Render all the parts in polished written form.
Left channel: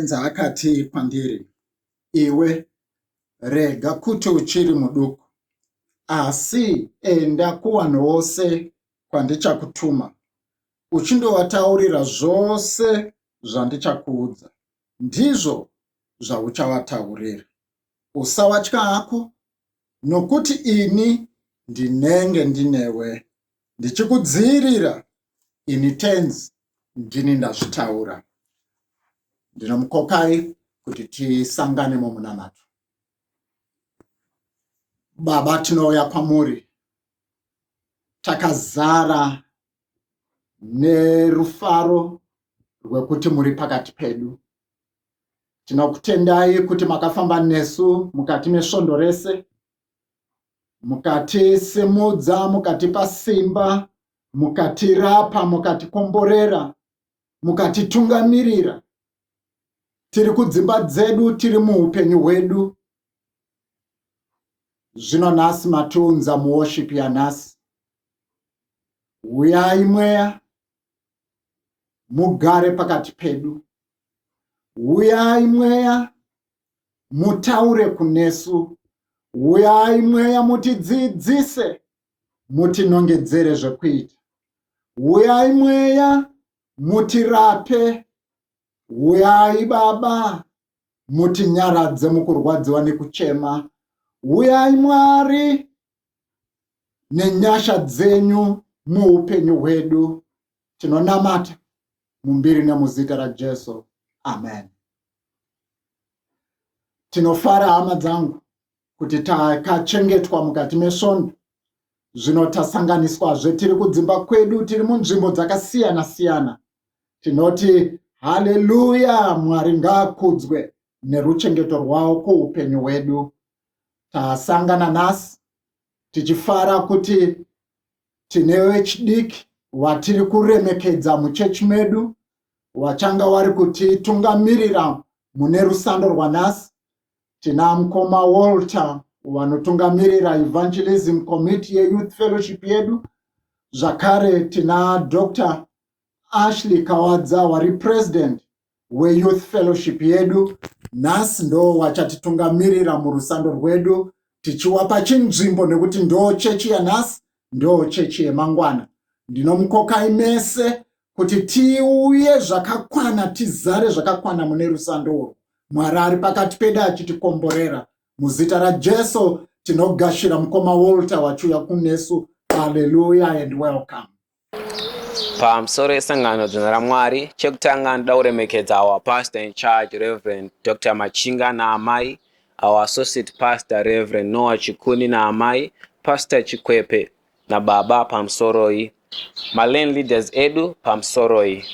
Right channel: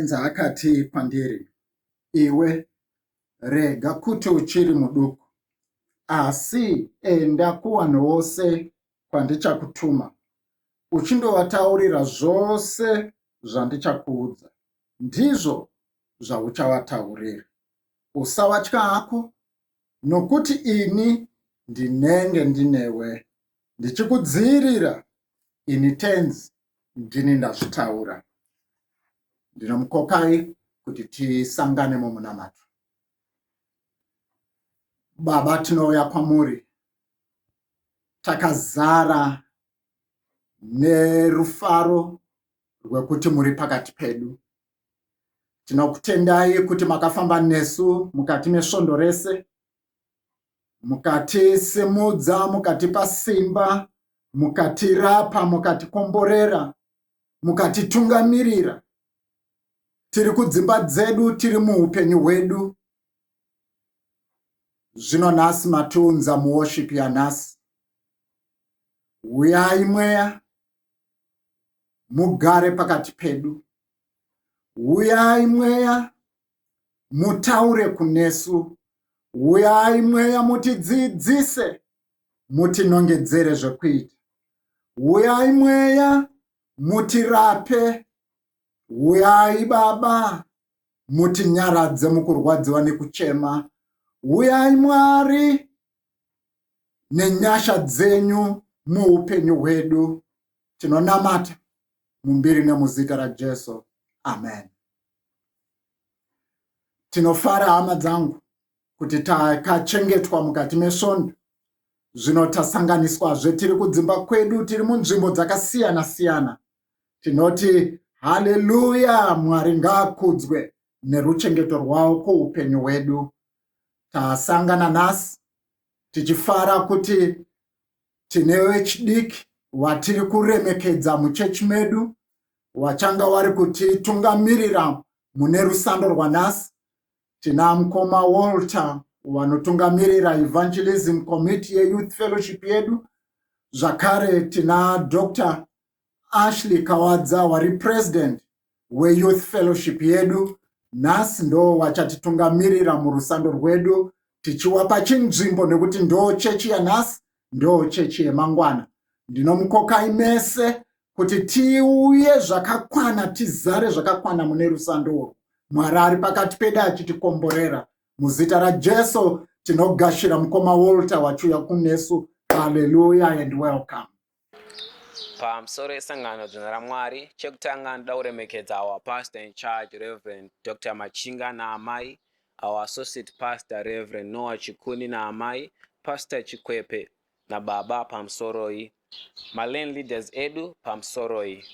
tenzi akati kwandiri, iwe rega kuti uchiri muduku, asi enda kuvanhu vose kwandichakutuma, uchindovataurira zvose zvandichakuudza. Ndizvo zvauchavataurira. Usavatya hako, nokuti ini ndinenge ndinewe, ndichikudzivirira. Ini tenzi ndini ndazvitaura. Ndinomukokai kuti tisangane mumunamato. Baba, tinouya kwamuri takazara nerufaro rwekuti muri pakati pedu. Tinokutendai kuti makafamba nesu mukati mesvondo rese, mukatisimudza, mukatipa simba, mukatirapa, mukatikomborera, mukatitungamirira. Tiri kudzimba dzedu, tiri muupenyu hwedu. Zvino nhasi matiunza muworship yanhasi. Uyai mweya, mugare pakati pedu. Uyai mweya, mutaure kunesu. Uyai mweya, mutidzidzise, mutinongedzere zvekuita. Uyai mweya, mutirape. Uyai Baba, mutinyaradze mukurwadziwa nekuchema. Uyai Mwari, nenyasha dzenyu muupenyu hwedu. Tinonamata mumbiri nemuzita raJesu. Amen. Tinofara hama dzangu kuti takachengetwa mukati mesvondo. Zvino tasanganiswazve, tiri kudzimba kwedu, tiri munzvimbo dzakasiyana siyana. Tinoti haleluya, Mwari ngaakudzwe neruchengeto rwawo kuupenyu hwedu. Tasangana nhasi tichifara kuti tine vechidiki watiri kuremekedza muchechi medu, wachanga wari kutitungamirira mune rusando rwanhasi. Tina mukoma Walter wanotungamirira Evangelism Committee yeYouth Fellowship yedu. Zvakare tina Dr. Ashley Kawadza wari president weYouth Fellowship yedu. Nhasi ndo wachatitungamirira murusando rwedu, tichiwapa chinzvimbo nekuti ndo chechi yanhasi, ndo chechi yemangwana. Ndinomukokai mese kuti tiuye zvakakwana, tizare zvakakwana mune rusando urwu. Mwari ari pakati pedu achitikomborera. Muzita raJesu tinogashira mukoma Walter wachiuya kunesu. Hallelujah and welcome. Pamusoro esangano dzina raMwari, chekutanga ndoda kuremekedza our pastor in charge Reverend Dr. Machinga naamai, our associate pastor Reverend Noah Chikuni naamai, Pastor Chikwepe na baba pamusoro iyi, malane leaders edu pamusoro iyi.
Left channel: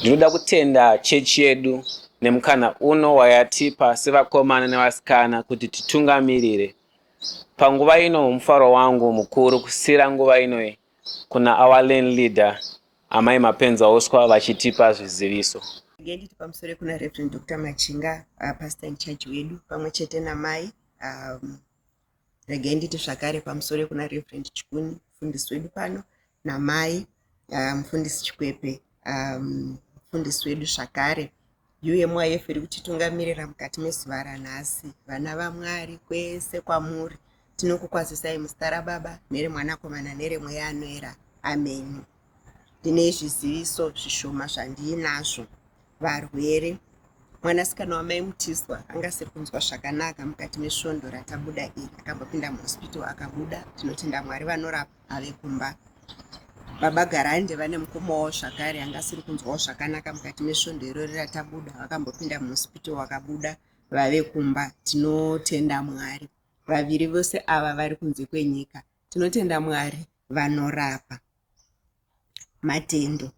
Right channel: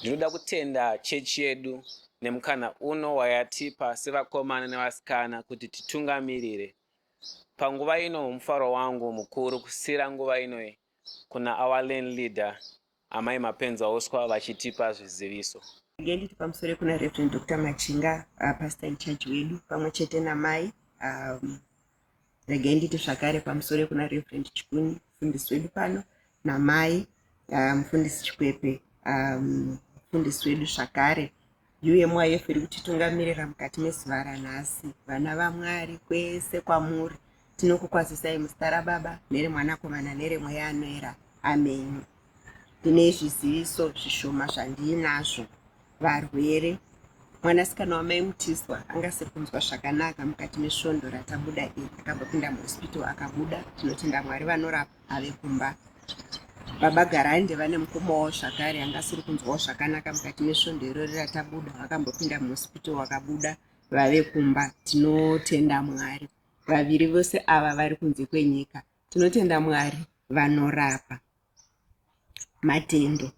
Ndinoda kutenda chechi yedu nemukana uno wayatipa sevakomana nevasikana kuti titungamirire. Panguva ino mufaro wangu mukuru kusira nguva ino kuna our lane leader amai Mapenzi Oscar vachitipa zviziviso. Nditi pamusoro kuna Reverend Dr. Machinga, pastor in charge wedu pamwe chete namai. Nditi zvakare pamusoro kuna Reverend Chikuni, mufundisi wedu pano, namai mufundisi Chikwepe, mufundisi wedu zvakare. Yuye mweya yefu iri kutitungamirira mukati mezuva ranhasi. Vana vaMwari kwese kwamuri tinokukwazisai muzita raBaba neremwanakomana neremweya anoera. Amen. Ndine zviziviso zvishoma zvandinazvo. Varwere, mwanasikana wamai Mutiswa angasikunzwa zvakanaka mukati mesvondo ratabuda iri, akambopinda muhospital akabuda. Tinotenda Mwari vanorapa ave kumba. Baba Garande vane mukomawo zvakare angasiri kunzwawo zvakanaka mukati mesvondo iroro ratabuda, vakambopinda muhospital wakabuda vave kumba. Tinotenda Mwari. Vaviri vose ava vari kunze kwenyika. Tinotenda Mwari vanorapa. Matendo,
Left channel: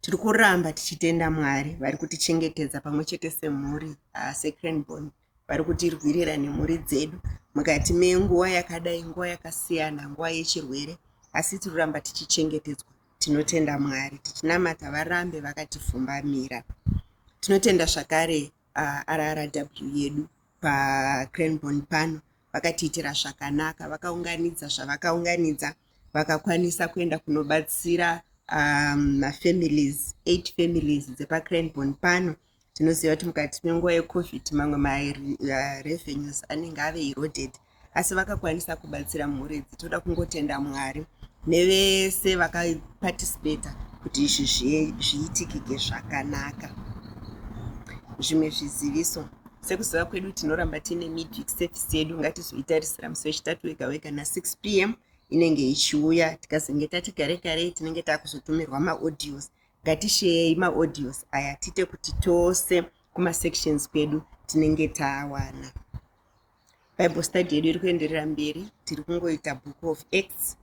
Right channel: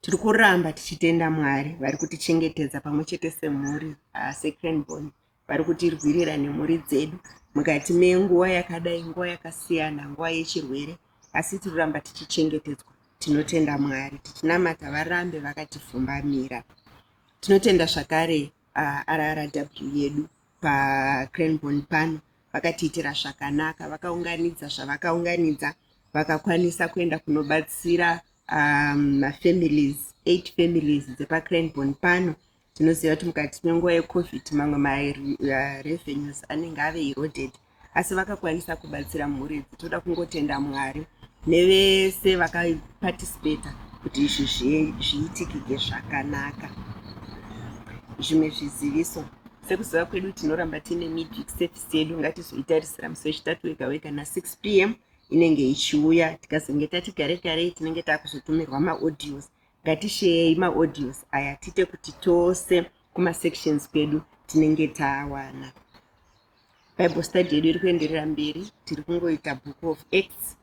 tiri kuramba tichitenda Mwari vari kutichengetedza pamwe chete semhuri seCranborne, vari kutirwirira nemhuri dzedu mukati menguva yakadai, nguva yakasiyana, nguva yechirwere, asi tiri kuramba tichichengetedzwa. Tinotenda Mwari, tichinamata varambe vakatipfumbamira. Tinotenda zvakare RRW yedu paCranborne pano vakatiitira zvakanaka, vakaunganidza zvavakaunganidza, vakakwanisa kuenda kunobatsira families 8 families dzepaCranborne pano. tinoziva kuti mukati menguva yecovid mamwe marevenues anenge ave eroded, asi vakakwanisa kubatsira mhuri idzi. Toda kungotenda Mwari nevese vakaparticipata kuti izvi zviitikike zvakanaka. Zvimwe zviziviso, sekuziva kwedu tinoramba tine midweek service yedu, ngatizoitarisira musi wechitatu wega wega na6 p.m. inenge ichiuya. Tikazenge tati gare tinenge takuzotumirwa maaudios. Ngatisheyei maaudios aya tite kuti tose kumasections kwedu tinenge tawana. Bible study yedu iri kuenderera mberi, tiri kungoita book of Acts.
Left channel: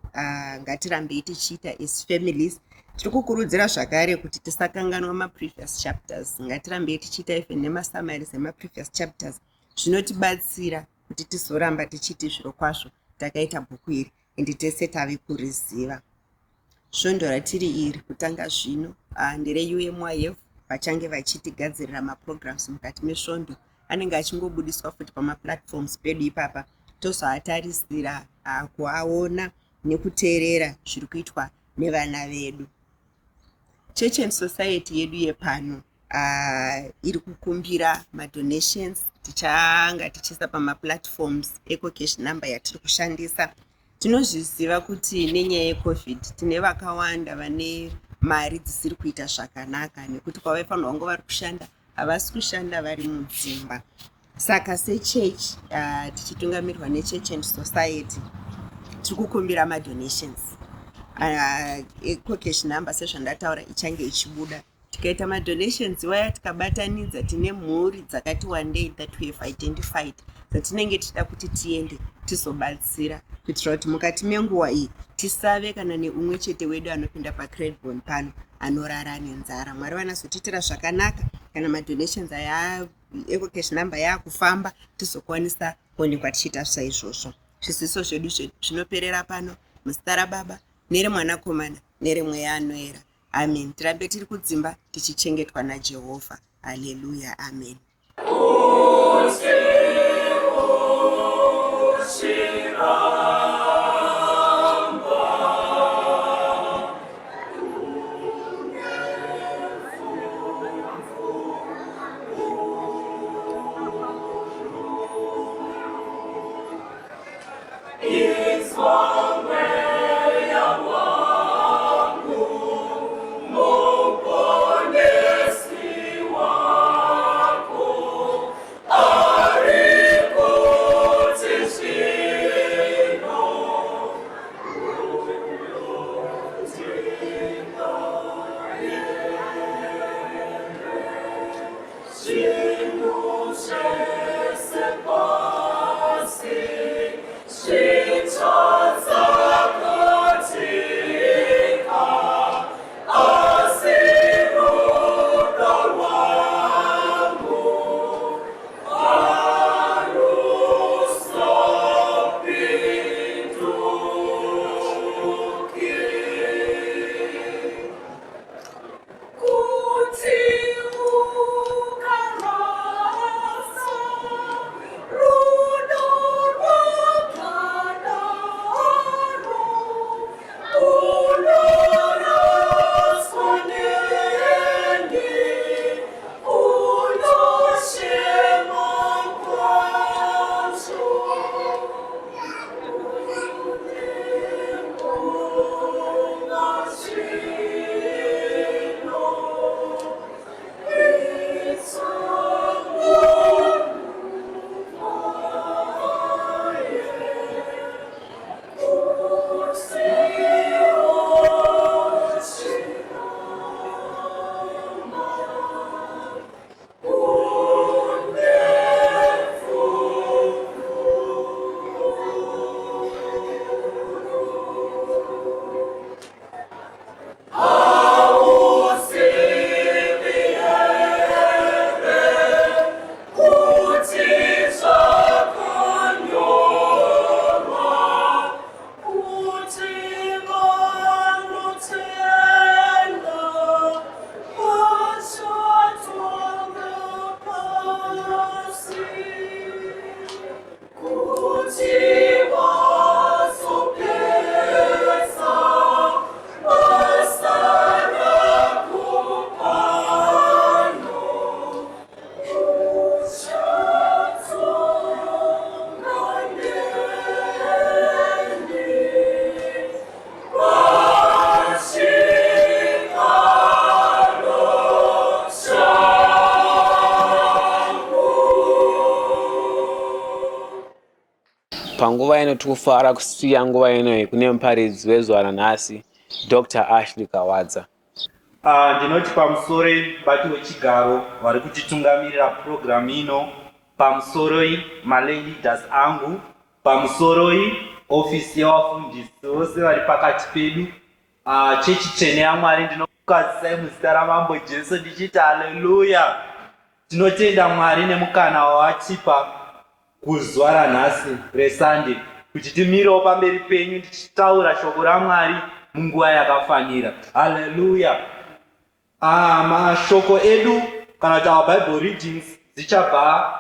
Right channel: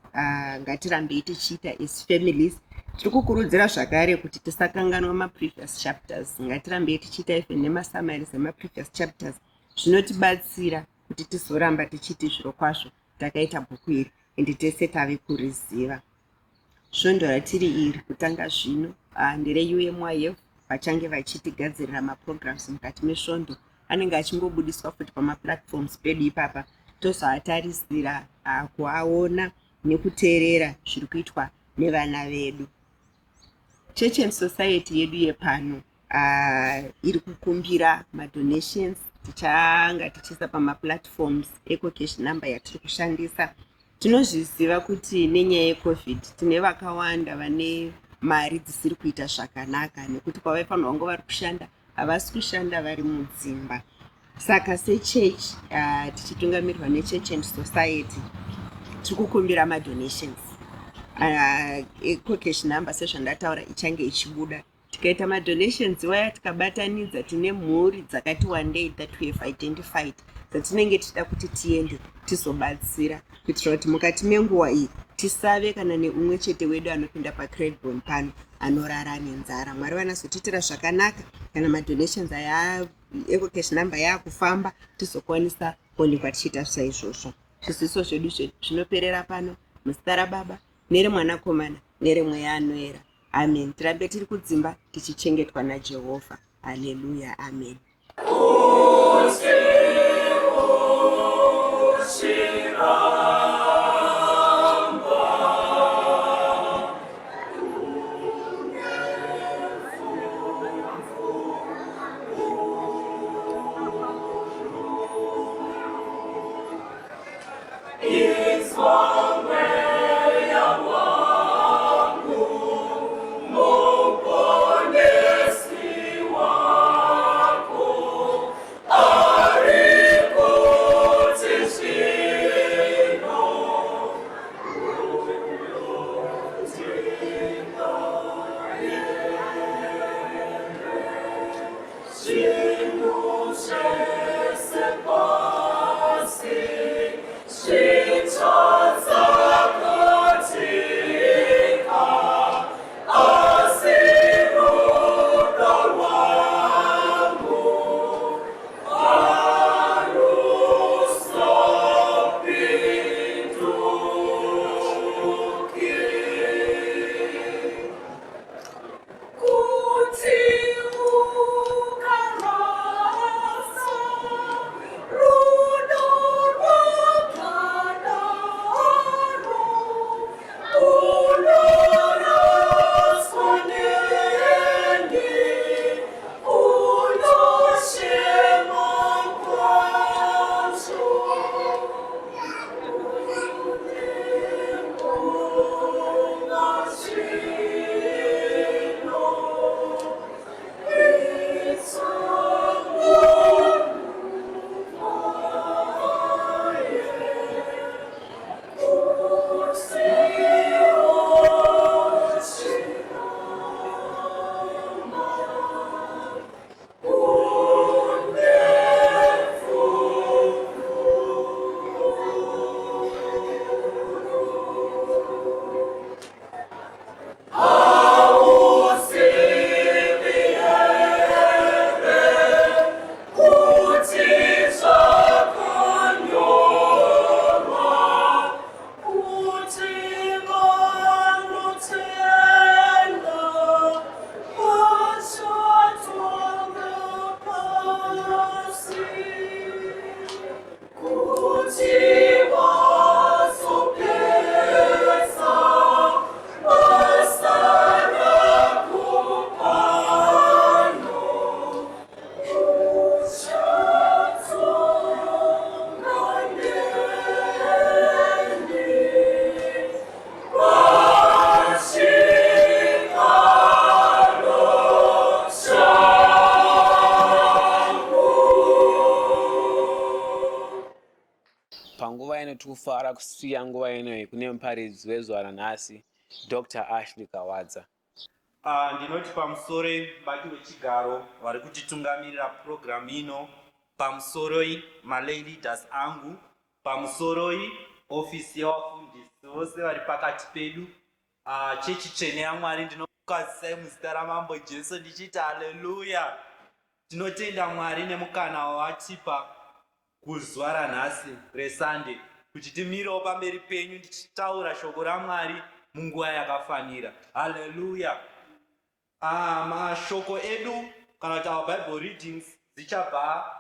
Ngatirambei tichiita as families. Tiri kukurudzira zvakare kuti tisakanganwa maprevious chapters. Ngatirambei tichiita even nemasummaries emaprevious chapters. Zvinotibatsira kuti tizoramba tichiti zviro kwazvo takaita bhuku iri ende tese tave kuriziva. Svondo ratiri iri kutanga zvino ndere-UMYF vachange vachitigadzirira maprograms mukati mesvondo. Anenge achingobudiswa futi pamaplatforms pedu ipapa, tozoatarisira kuaona nekuteerera zviri kuitwa nevana vedu. Church and Society yedu yepano iri kukumbira madonations. Tichanga tichisa pamaplatforms eco-cash number yatiri kushandisa. Tinozviziva kuti nenyaya yecovid tine vakawanda vane mari dzisiri kuita zvakanaka, nekuti kwavaifanirwa vangu vari kushanda havasi kushanda vari mudzimba. Saka sechurch tichitungamirirwa neChurch and Society tiri kukumbira madonations. Eco-cash number sezvandataura ichange ichibuda. Tikaita madonations waya tikabatanidza, tine mhuri dzakati wandei that we have identified dzatinenge tichida kuti tiende tizobatsira, kuitira kuti mukati menguva iyi tisave kana neumwe chete wedu anopinda pacredbon pano anorara nenzara. Mwari vanazotitira zvakanaka kana madonations aya eco-cash number yaakufamba, tizokwanisa kuonekwa tichiita saizvozvo. Zviziso zvedu zvinoperera pano muzita raBaba neremwanakomana neremweya anoera. Amen. Tirambe tiri kudzimba tichichengetwa naJehovha. Haleluya. Amen. panguva ino tikufara kusiya nguva inoyi kune muparidzi wezuva ranhasi Dr. Ashley Kawadza. Ndinoti pamusoro bati wechigaro vari kutitungamirira program ino, pamusoro maleaders angu, pamusoro ofisi yevafundisi vose vari pakati pedu, chechi tsvene yaMwari, ndinokukazisai muzita raMambo Jesu ndichiti haleluya. Tinotenda Mwari nemukana wawatipa kuzuva ranhasi reSunday kuti timirewo pamberi penyu tichitaura shoko raMwari munguva yakafanira. Haleluya. Mashoko edu kana kuti our Bible readings dzichabva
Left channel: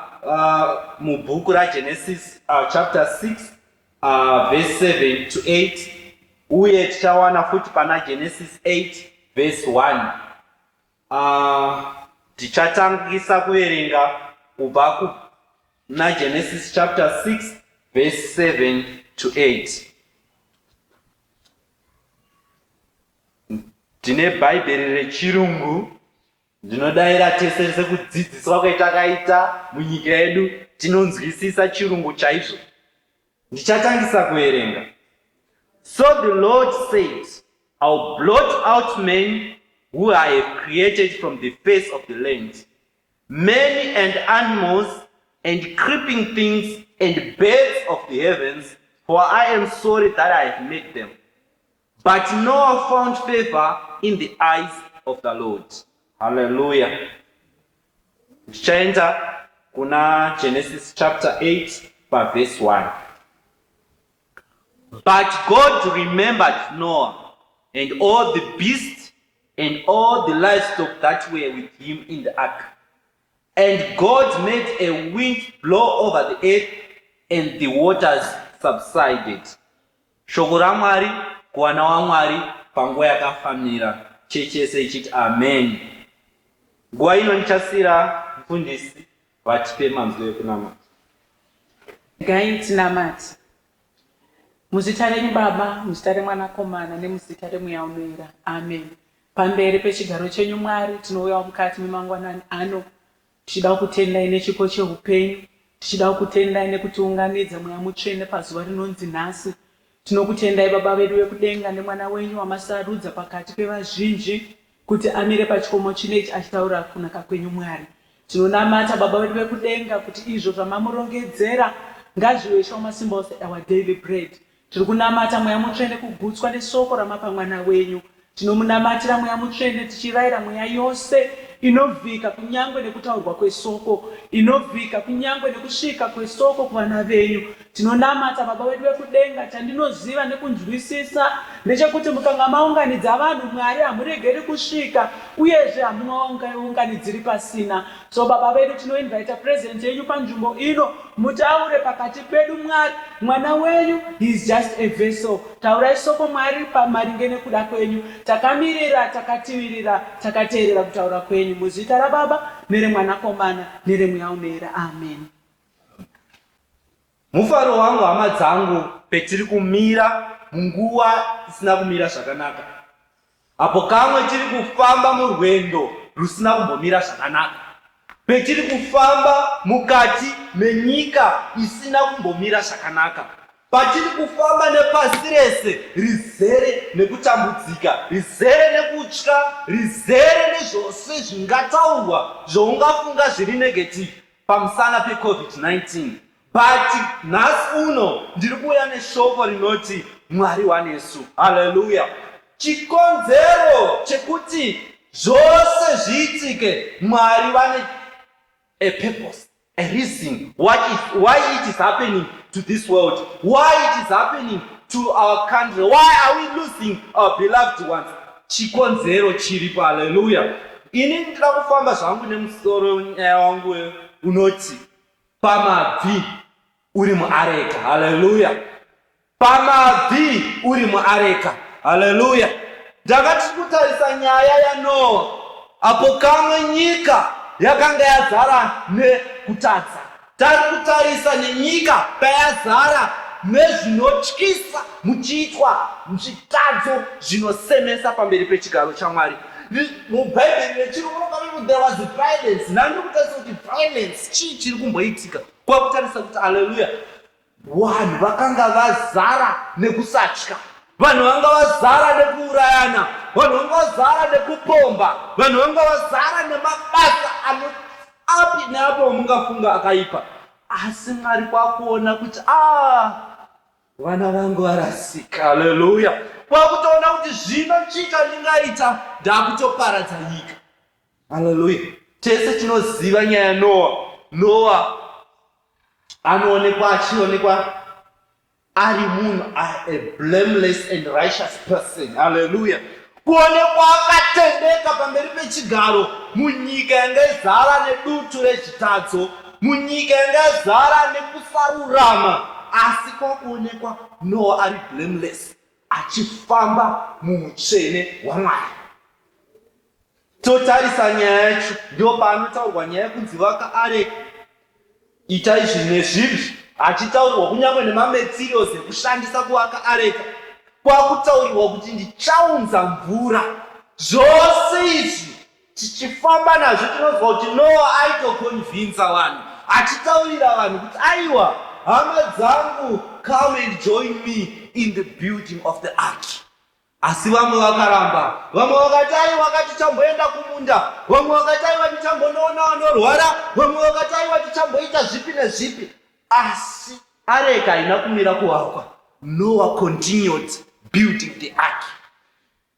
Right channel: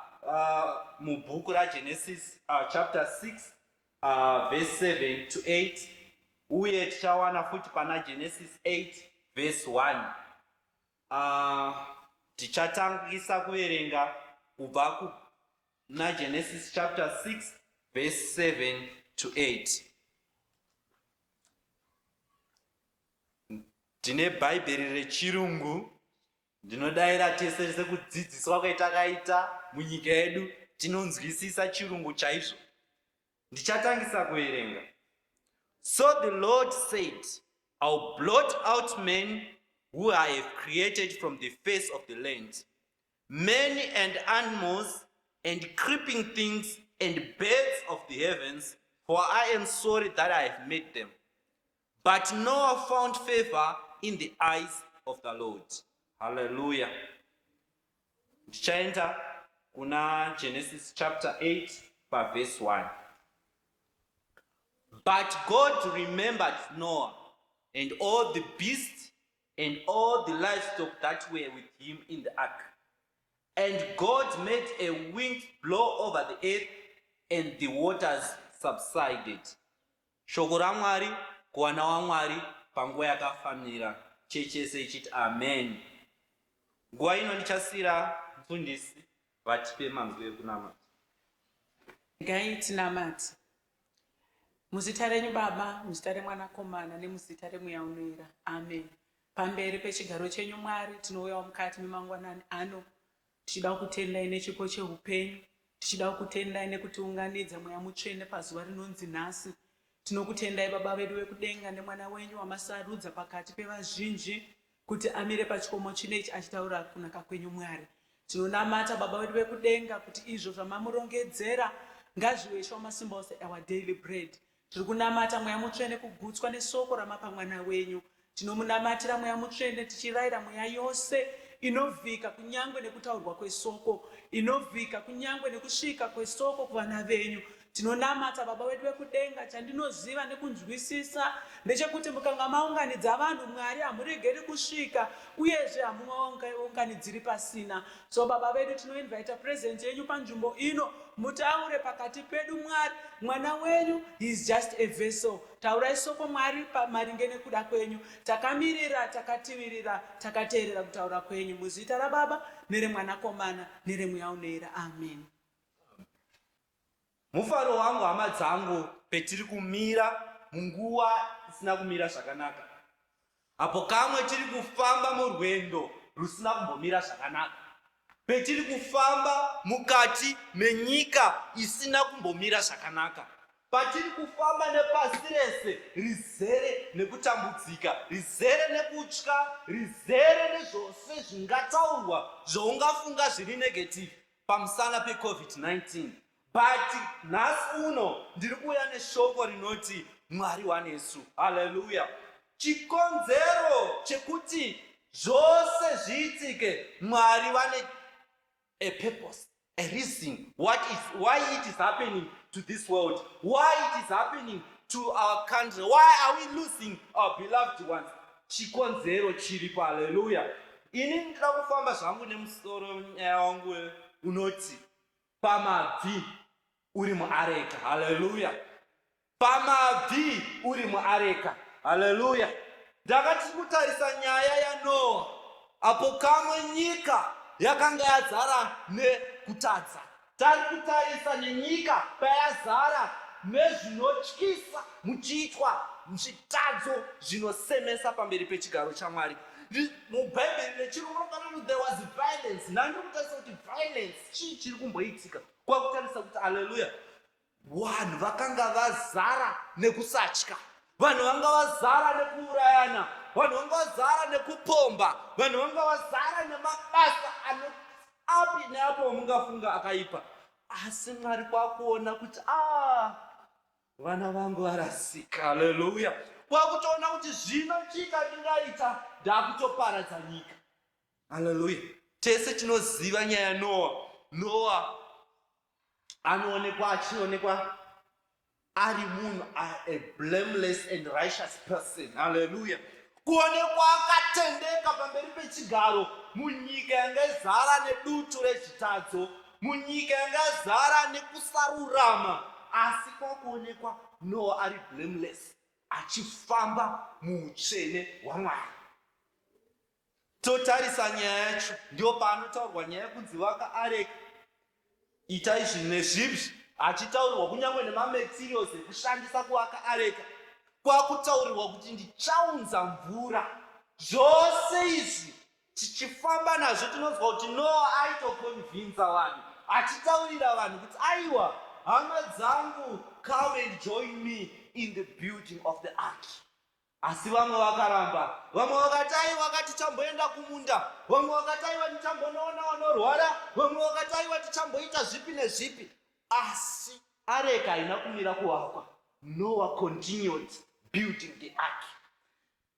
mubhuku raGenesis chapter 6 verse 7 to 8, uye tichawana futi pana Genesis 8 verse 1. Tichatangisa kuverenga kubva na Genesis chapter 6 verse 7 to 8. Tine Bhaibheri rechirungu, ndinodayira tese sekudzidziswa kwetakaita munyika yedu tinonzwisisa chirungu chaizvo. Ndichatangisa kuverenga. So the Lord said, I'll blot out men who I have created from the face of the land, men and animals and creeping things and birds of the heavens, for I am sorry that I have made them. But Noah found favor in the eyes of the Lord. Hallelujah. Tichaenda kuna Genesis chapter 8 verse 1. But God remembered Noah and all the beasts and all the livestock that were with him in the ark. And God made a wind blow over the earth, and the waters subsided. Shoko raMwari kuwana waMwari panguva yakafanira. Chechese ichiti amen. Nguva ino ndichasira mufundisi vatipe manzwi ekunamata. Regai tinamate. Muzita renyu Baba, muzita reMwanakomana nemuzita reMweya Unoyera. Amen. Pamberi pechigaro chenyu Mwari tinouya mukati memangwanani ano, tichida kutendai nechipo cheupenyu, tichida kutendai nekutiunganidza Mweya Mutsvene pazuva rinonzi nhasi. Tinokutendai Baba vedu vekudenga nemwana wenyu wamasarudza pakati pevazhinji kuti amire pachikomo chinechi achitaura kunaka kwenyu Mwari. Tinonamata Baba vedu vekudenga kuti izvo zvamamurongedzera ngazvive shamasimba ose our daily bread. Tiri kunamata Mweya Mutsvene kugutswa nesoko ramapa mwana wenyu. Tinomunamatira Mweya Mutsvene tichirayira mweya yose inovhika kunyangwe nekutaurwa kwesoko, inovhika kunyangwe nekusvika kwesoko kuvana venyu. Tinonamata Baba vedu vekudenga, chandinoziva nekunzwisisa ndechekuti mukanga maunganidza vanhu Mwari hamuregeri kusvika, uyezve hamuunganidziri pasina. So Baba vedu tinoinvita presence yenyu panzvimbo ino, mutaure pakati pedu Mwari. Mwana wenyu he is just a vessel. Taurai soko Mwari pamaringe nekuda kwenyu. Takamirira, takativirira, takateerera kutaura kwenyu. Muzita raBaba nereMwanakomana nereMweya Unoyera. Amen. Mufaro wangu hama dzangu petiri kumira munguva isina kumira zvakanaka. Apo kamwe tiri kufamba murwendo rusina kumbomira zvakanaka. Petiri kufamba mukati menyika isina kumbomira zvakanaka. Patiri kufamba nepasi rese rizere nekutambudzika, rizere nekutya, rizere nezvose zvingataurwa zvoungafunga zviri negative pamusana peCovid-19. But nhasi uno ndiri kuuya neshoko rinoti Mwari wanesu. Haleluya. Chikonzero chekuti zvose zviitike, Mwari vane a purpose, a reason why it is happening to this world, why it is happening to our country, why are we losing our beloved ones. Chikonzero chiripo. Haleluya. Ini ndira kufamba zvangu nemusoro nyaya wangu unoti pamabvi uri muareka. Haleluya. Pamabvi uri muareka. Haleluya. Ndakati kutarisa nyaya yaNoa, apo kamwe nyika yakanga yazara nekutadza. Tari kutarisa nenyika payazara nezvinotyisa muchiitwa zvitadzo zvinosemesa pamberi pechigaro chaMwari. MuBhaibheri rechirungu there was violence. Ndandiri kutarisa kuti violence chii chiri kumboitika. Kwakutarisa kuti haleluya, vanhu vakanga vazara nekusatya, vanhu vanga vazara nekuurayana, vanhu vanga vazara nekupomba, vanhu vanga vazara nemabasa api neapo vamungafunga akaipa. Asi Mwari kwakuona kuti vana vangu varasika. Haleluya. Kwakutoona kuti zvino chika ndingaita ndakutoparadza nyika. Haleluya. Tese tinoziva nyaya yaNoa. Noa achionekwa ari munhu a blameless and righteous person. Haleluya. Kuonekwa akatendeka pamberi pechigaro munyika yanga izara nedutu rezvitadzo, munyika yanga izara nekusarurama, asi kwakuonekwa Noa ari blameless, achifamba muutsvene hwaMwari. Totarisa nyaya yacho, ndio paanotaurwa nyaya yekunzi vaka areka. Ita izvi nezvizvi, achitaurirwa kunyange nemamaterials ekushandisa kuvaka areka. Kwakutaurirwa kuti ndichaunza mvura. Zvose izvi tichifamba nazvo tinozwa kuti Noa aitokonvinza vanhu, achitaurira vanhu kuti aiwa, hama dzangu, come and join me in the building of the ark. Asi vamwe vakaramba, vamwe vakati aiwa tichamboenda kumunda, vamwe vakati aiwa tichambonoona vanorwara, vamwe vakati aiwa tichamboita zvipi nezvipi. Asi areka haina kumira kuvakwa. Noah continued building the ark.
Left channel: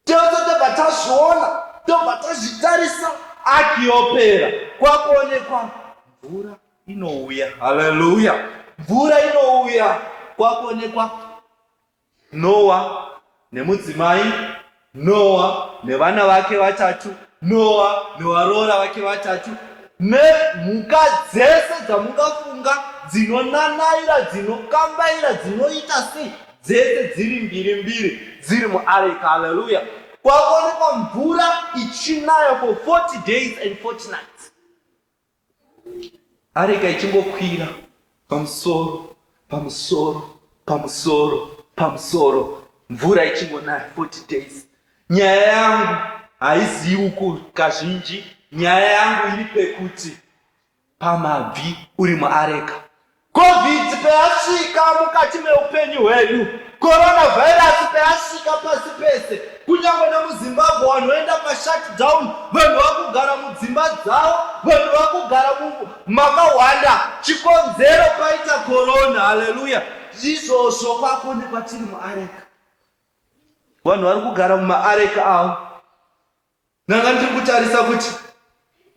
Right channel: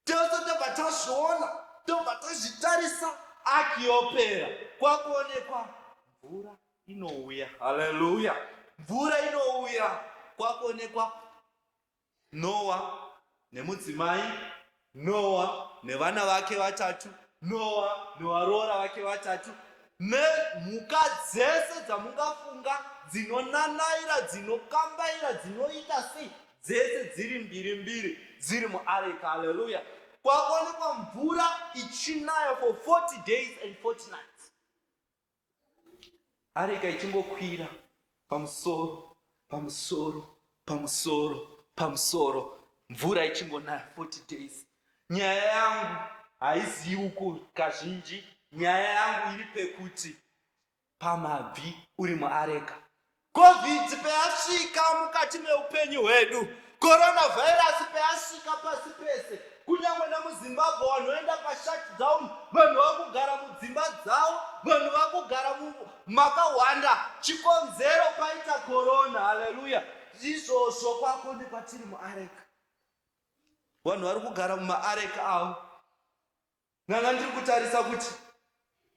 Tobva tazviona, tobva tazvitarisa, ark yopera. Kwakuonekwa mvura inouya. Haleluya. Mvura inouya. Kwakuonekwa Noah nemudzimai, Noah nevana vake vatatu, Noah nevaroora vake vatatu, nemhuka dzese dzamungafunga, dzinonanaira, dzinokambaira, dzinoita sei, dzese dziri mbiri mbiri, dziri muareka. Haleluya. Kwakuonekwa mvura ichinaya for 40 days and 40 nights. Areka ichingokwira pamusoro, pamusoro, pamusoro, pamusoro, mvura ichingonaya 40 days. Nyaya yangu haizivi uku kazhinji, nyaya yangu iri pekuti pamabvi uri muareka. COVID peyasvika mukati meupenyu hwedu, coronavirus peyasvika pasi pese, kunyange nemuZimbabwe vanhu voenda pashutdown, vanhu vakugara mudzimba dzavo, vanhu vakugara makawanda, chikonzero paita corona. Haleluya. Izvozvo kwakuonekwa tiri muareka. Vanhu vari kugara mumaareka avo. Nanga ndiri kutarisa kuti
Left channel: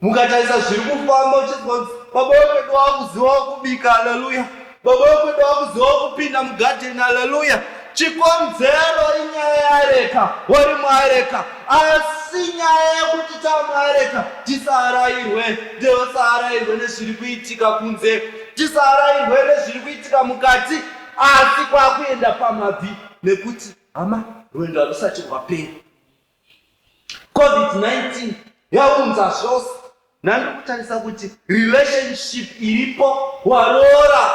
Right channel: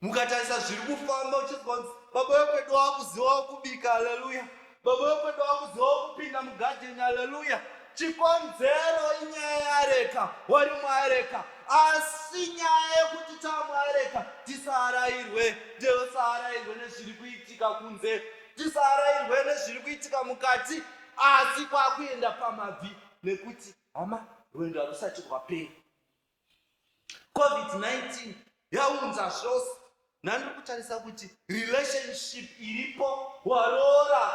mukatarisa zviri kufamba uchizwa baba wekwedu wakuziva kubika. Haleluya. Baba wekwedu wakuziva kupinda mugadheni. Haleluya. Chikonzero inyaya yareka, wari muareka. Asi nyaya yekuti tamuareka tisarayirwe, ndosarayirwe nezviri kuitika kunze, tisarayirwe nezviri kuitika mukati, asi kwakuenda pamabvi nekuti hama rwendo rusati rwapera. COVID-19 yaunza zvose. Nandi kutarisa kuti relationship iripo, waroora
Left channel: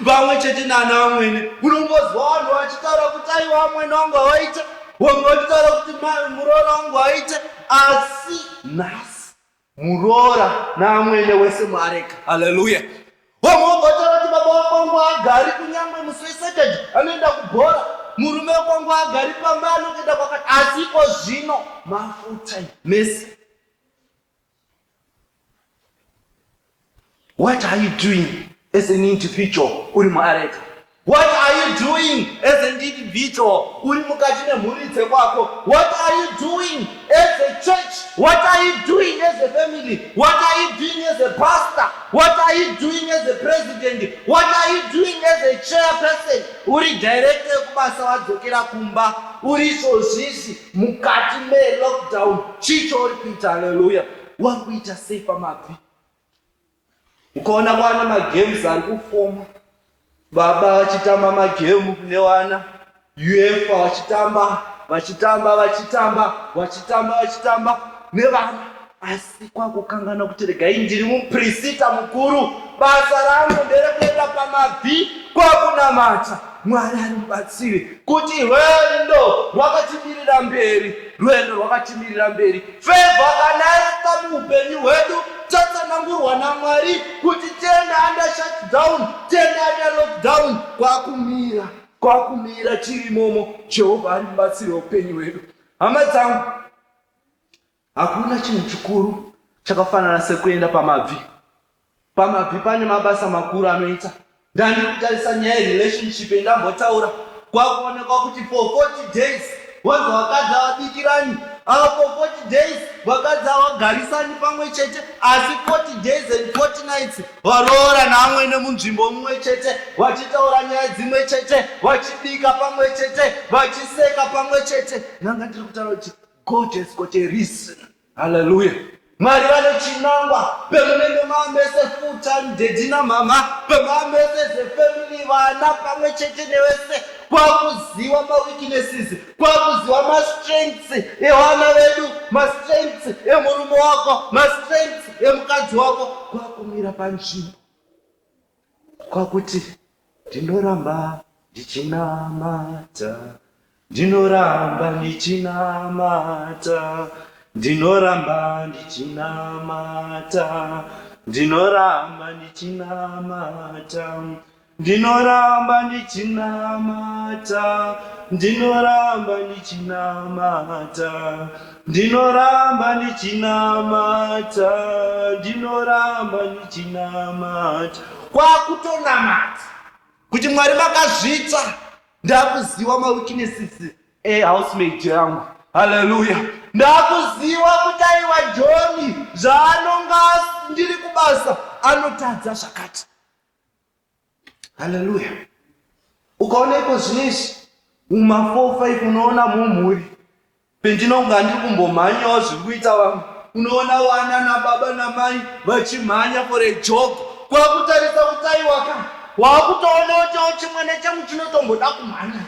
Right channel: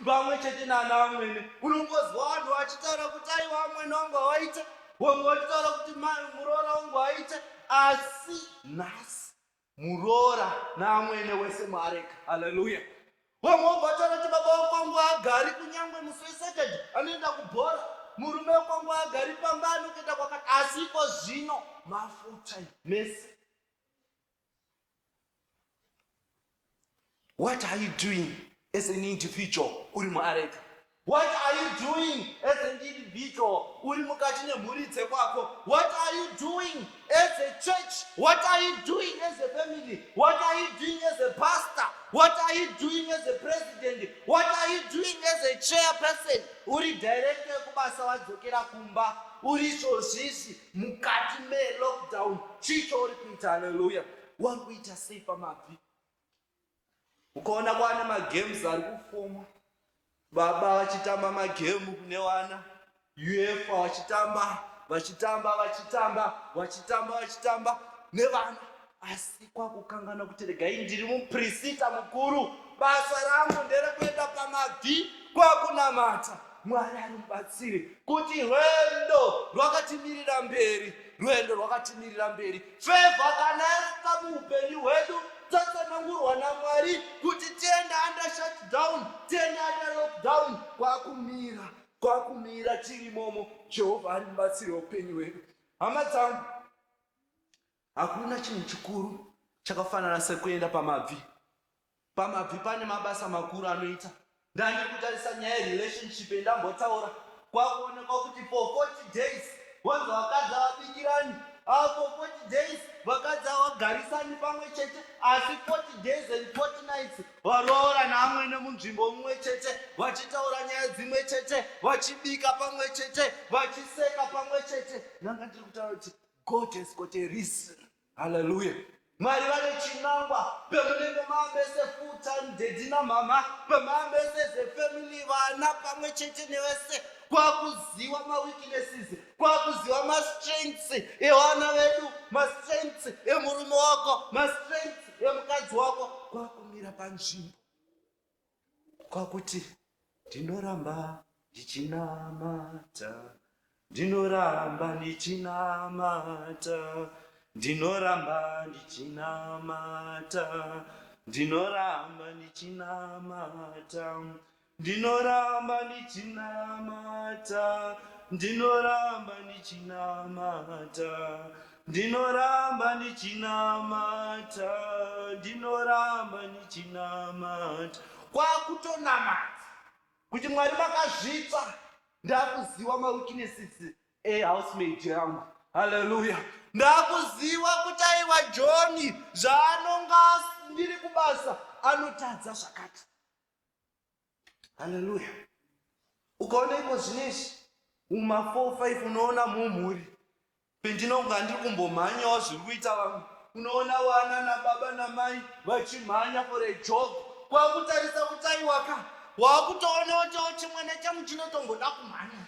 vamwe chete nana vamwene. Unombozwa vanhu vachitaura kuti aiwa vamwene vangu havaite, vamwe vachitaura kuti muroora wangu haite, asi nhasi muroora navamwene wese muareka. Haleluya. Vamwe vachitaura kuti baba vangu hagari kunyange musi weSaturday anoenda kubhora, murume wangu hagari pamba anoenda kwakati, asi iko zvino mafuta mese. What are you doing as an individual uri muareka? What are you doing as an individual uri mukati nemhuri dzekwako? What are you doing as a church? What are you doing as a family? What are you doing as a pastor? What are you doing as a president? What are you doing as a chairperson? Uri director kubasa wadzokera kumba, uri zvozvizvi mukati melockdown, chicho uri kuita. Haleluya. Wari kuita sei pamabvi? Ukaona kwana magames ari kufoma, baba vachitamba magemu newana, UEFA vachitamba nevana, asi kwakukangana kuti regai ndiri muprista mukuru, basa rangu nderekuenda pamabvi kwakunamata. Mwari ari mubatsire kuti rwendo rwakatimirira mberi, favor kana yaita muupenyu hwedu, tatsanangurwa naMwari kuti tiende under shutdown, tiende under lockdown. kwakumira chirimomo. Jehovha ari mubatsiri weupenyu hwedu. Hama dzangu, hakuna chinhu chikuru chakafanana sekuenda pamabvi. Pamabvi pane mabasa makuru anoita. Ndandiri kutarisa nyaya yerelationship yandambotaura. Kwakuonekwa kuti for 40 days wanzi wakadzi havabikirani, for 40 days vakadzi havagarisani pamwe chete, asi 40 days and 40 nights varoora neamwene munzvimbo mumwe chete, vachitaura nyaya dzimwe chete, vachibika pamwe chete, vachiseka pamwe chete. Nanga ndiri kutaura kuti God has got a reason. Hallelujah. Mwari vane chinangwa pemunenge maamese full time daddy namama, pemaamese family vana pamwe chete nevese, kwakuziva maweaknesses, kwakuziva mastrengths evana vedu, mastrengths emurume wako, mastrengths emukadzi wako, kwakumira panzvimbo kwakuti ndinoramba ndichinamata, ndinoramba ndichinamata, ndinoramba ndichinamata, ndinoramba ndichinamata, ndinoramba ndichinamata, ndinoramba ndichinamata, ndinoramba ndichinamata, ndinoramba ndichinamata. Kwakutonamata kuti Mwari vakazvita. Ndakuziva maweaknesses ehousemate yangu. Hallelujah. Ndakuziva kuti aiwa John zvaanonga ndiri kubasa anotadza zvakati. Hallelujah. Ukaona iko zvinezvi muma 4-5 unoona mumhuri pendinonga ndiri kumbomhanyawo zviri kuita vamwe, unoona vana nababa namai vachimhanya for a jog. Kwakutarisa kuti aiwaka wakutoona kuti chimwe nechamwe chinotomboda kumhanya,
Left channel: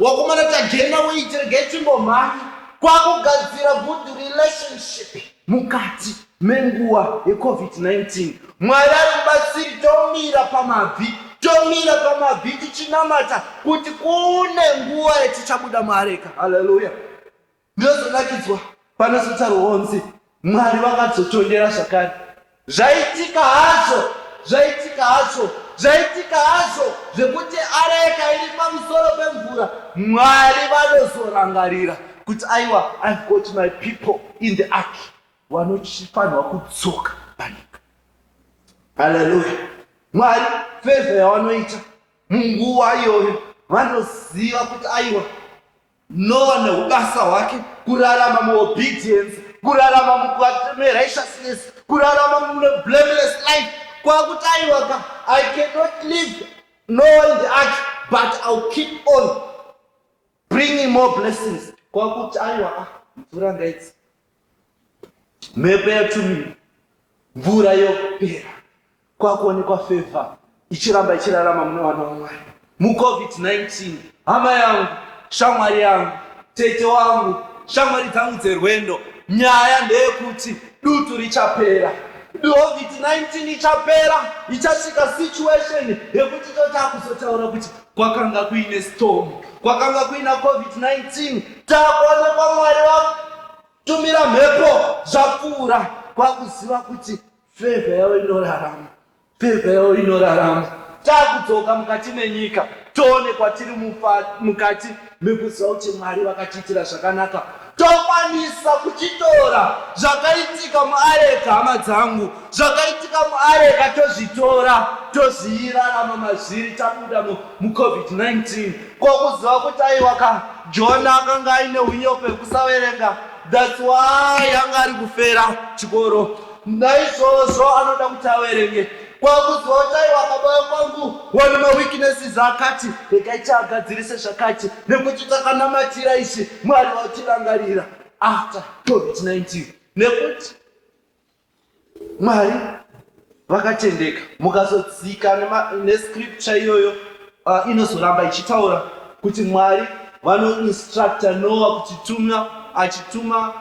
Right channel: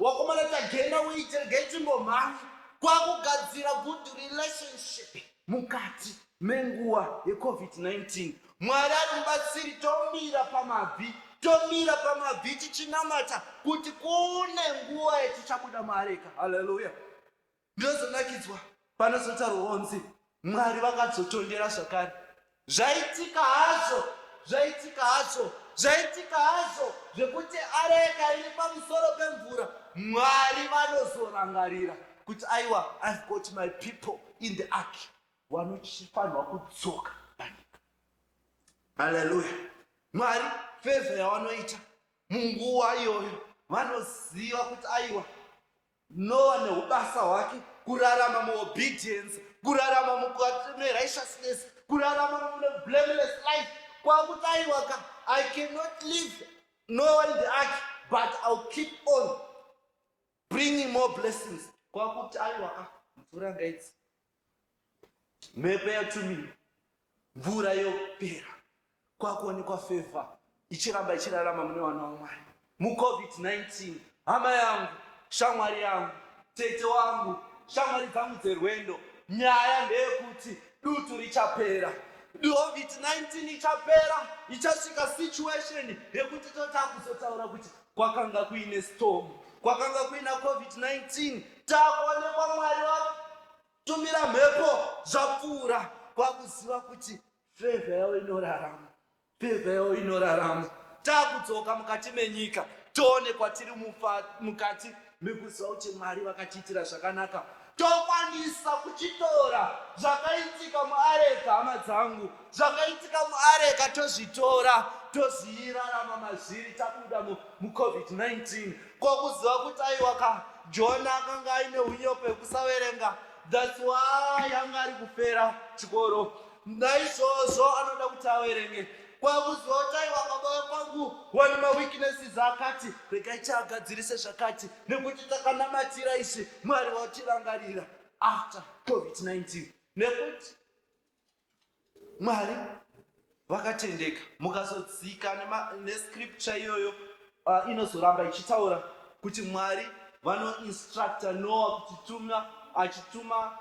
wakomana tagena weight rege chimbomhanya. Kwakugadzira good relationship mukati menguva yeCovid-19. Mwari ari mubatsiri, tomira pamabvi tichinamata kuti kune nguva yatichabuda muareka. Hallelujah. Ndinozonakidzwa panozotarwa onzi Mwari vakadzotondera zvakare. Zvaitika hazvo zvekuti areka iri pamusoro pemvura, Mwari vanozorangarira kuti aiwa, I've got my people in the ark vanofanirwa kudzoka panyika. Hallelujah. Mwari favor yavanoita munguva iyoyo, vanoziva kuti aiwa, Noah neubasa hwake, kurarama muobedience, kurarama murighteousness, kurarama mublameless life. Kwakuti aiwa, I cannot leave Noah in the ark, but I'll keep on bringing more blessings. Kwakuti aiwa, mvura ngaidzi, mhepo yatumira, mvura yopera. Kwakuonekwa favor ichiramba ichirarama mune vana vaMwari muCovid-19. Hama yangu, shamwari yangu, tete wangu, shamwari dzangu dzerwendo, nyaya ndeyekuti dutu richapera. COVID-19 ichapera, ichasvika situation yekuti totakuzotaura kuti kwakanga kuine storm, kwakanga kuina COVID-19. Takuonekwa Mwari vatumira mhepo zvapfuura. Kwakuziva kuti favor yavo inorarama, favor yavo inorarama. Takudzoka mukati menyika, toonekwa tiri mukati mekuziva kuti Mwari vakatiitira zvakanaka. Tokwanisa kuchitora zvakaitika muareka. Hama dzangu, zvakaitika muareka tozvitora, tozvirarama mazviri tabuda muCovid-19. Kwakuziva kuti aiwa, Jona akanga aine unyope hwekusaverenga, that's why anga ari kufera chikoro. Naizvozvo anoda kuti averenge. Kwakuziva kuti aiwa, baba kwangu wane maweaknesses akati, regai tiagadzirise zvakati, nekuti takanamatira izvi Mwari vatirangarira after COVID-19. Nekuti Mwari vakatendeka, mukazodzika nescripture iyoyo inozoramba ichitaura kuti Mwari vanoinstructa Noah kuti achituma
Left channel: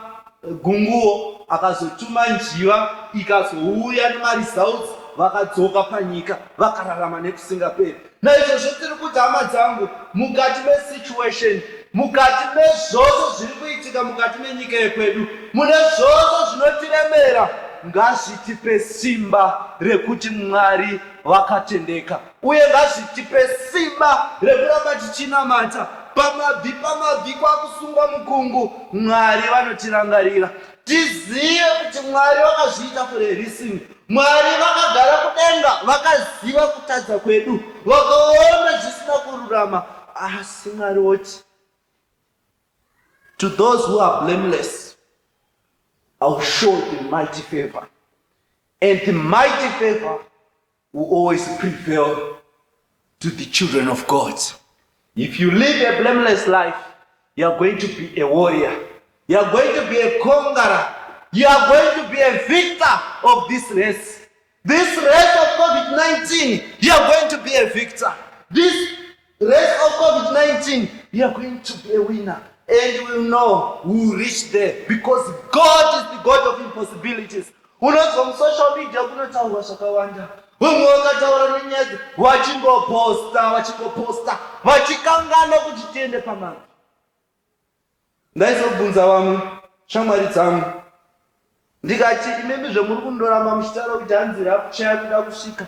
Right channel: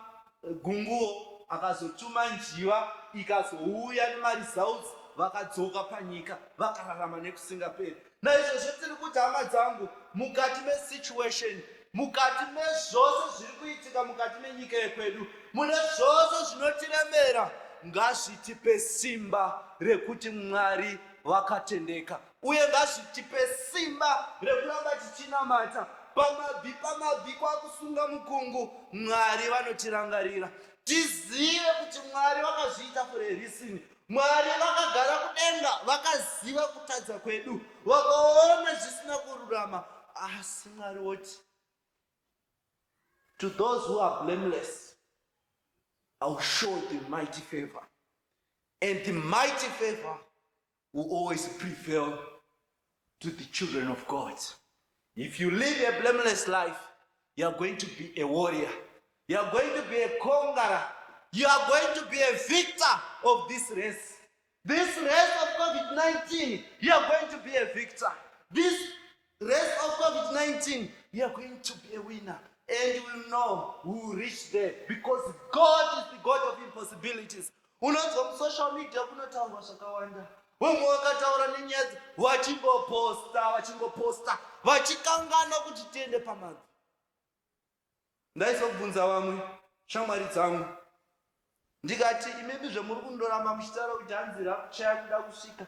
gunguo, akazotuma njiva, ikazouya nemaresults, vakadzoka panyika, vakararama nekusingaperi. Naizvozvo tiri kuti hama dzangu, mukati mesituation, mukati mezvose zviri kuitika mukati menyika yekwedu, mune zvose zvinotiremera, ngazvitipe simba rekuti Mwari vakatendeka, uye ngazvitipe simba rekuramba tichinamata pamabvi kwakusunga mukungu. Mwari vanotirangarira, tizive kuti Mwari vakazviita for a reason. Mwari vakagara kudenga, vakaziva kutadza kwedu, vakaona zvisina kururama, asi Mwari woti, to those who are blameless, I will show the mighty favor. And the mighty favor will always prevail to the children of God. If you live a blameless life, you are going to be a warrior. You are going to be a conqueror. You are going to be a victor of this race. This race of COVID-19, you are going to be a victor. This race of COVID-19, you are going to be a winner. And we will know we will reach there because God is the God of impossibilities. Unonzwa social media kunotaurwa zvakawanda. Vamwe vakataura nenyaya vachingoposta vachikangana kuti tiende pamabvi. Ndaizobvunza vamwe shamwari dzangu ndikati, imemi zvemuri kundoramba muchitaura kuti hanzi rakuchaya kuda kusvika,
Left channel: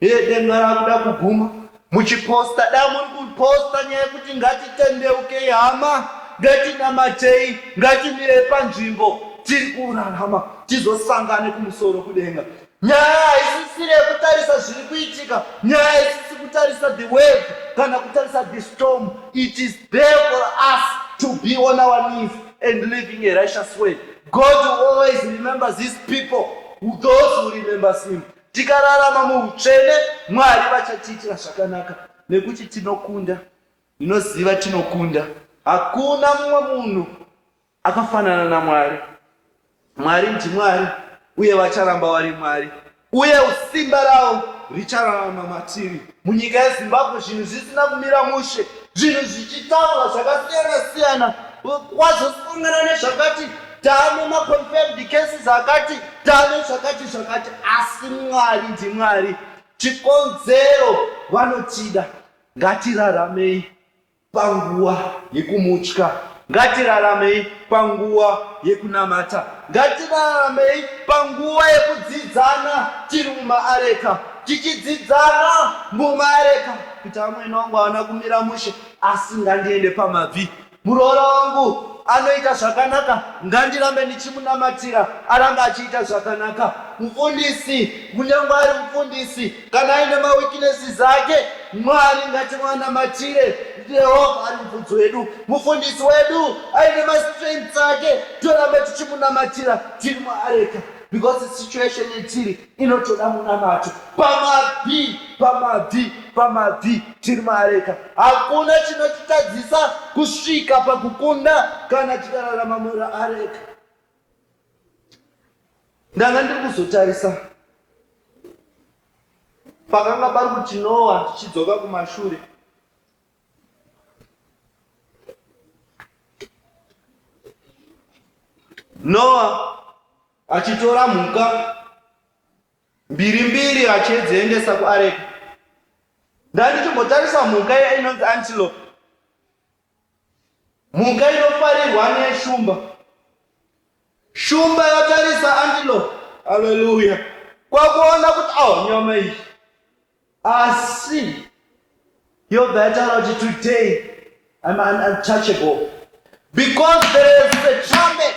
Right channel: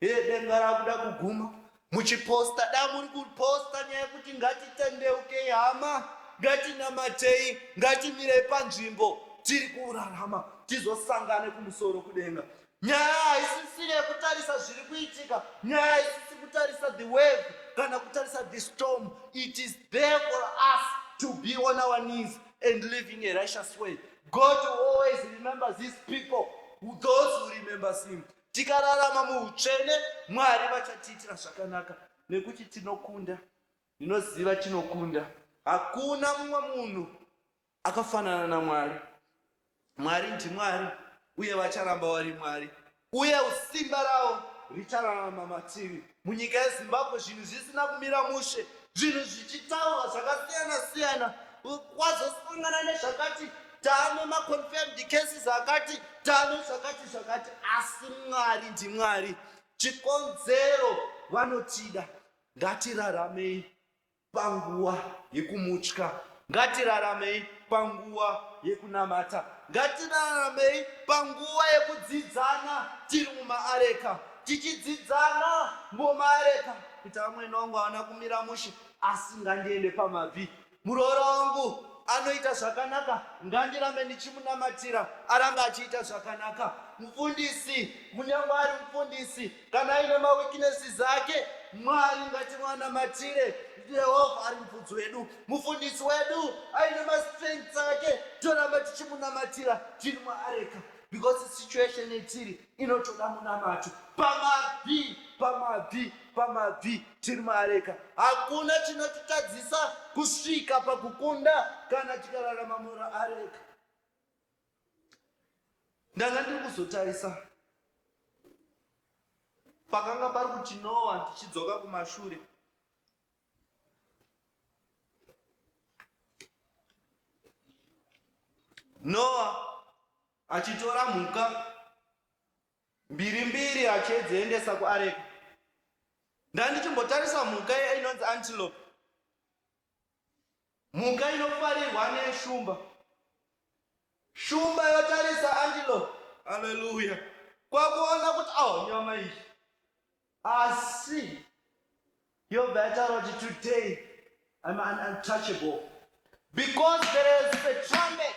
denga rakuda kuguma, muchiposta, dai muri kuposta nyaya yekuti ngatitendeukei hama, ngatinamatei, ngatimire panzvimbo, tiri kurarama tizosangane kumusoro kudenga. Nyaya haisisiri yekutarisa zviri kuitika, nyaya haisisi kutarisa the wave kana kutarisa the storm. It is there for us to be on our knees and living a righteous way. God will always remember these people, those who remember him. Tikararama muutsvene, Mwari vachatiitira zvakanaka nekuti tinokunda. Ndinoziva tinokunda. Hakuna mumwe munhu akafanana naMwari. Mwari ndiMwari uye vacharamba vari Mwari, uye simba ravo richararama matiri. Munyika yeZimbabwe zvinhu zvisina kumira mushe, zvinhu zvichitaurwa zvakasiyana-siyana, wazosangana nezvakati, taane maconfirmed cases akati, taane zvakati, asi Mwari ndiMwari. Chikonzero vanotida. Ngatiraramei panguva yekumutya, ngatiraramei panguva yekunamata, ngatiraramei panguva yekudzidzana tiri mumaareka, tichidzidzana mumaareka kuti amweni wangu haana kumira mushe, asi ngandiende pamabvi. Muroora wangu anoita zvakanaka, ngandirambe ndichimunamatira arambe achiita zvakanaka. Mufundisi, kunyange ari mufundisi, kana aine maweaknesses ake, Mwari ngatimwanamatire. Jehovha ari mubvudzi wedu, mufundisi wedu aine mastrengths ake, torambe tichimunamatira tiri muareka, because the situation yetiri inotoda munamato. Pamabvi tiri muareka. Hakuna chinotitadzisa kusvika pakukunda kana tikararama muareka. Ndanga ndiri kuzotarisa pakanga pari kuti Noah, tichidzoka kumashure, Noah achitora mhuka mbiri achidziendesa kuareka. Ndandichimbotarisa mhuka iya inonzi antelope, mhuka inofarirwa neshumba. Shumba yotarisa antelope, haleluya, kwakuona kuti nyama iyi. Asi Yobha yataura kuti today I'm untouchable because there is a trumpet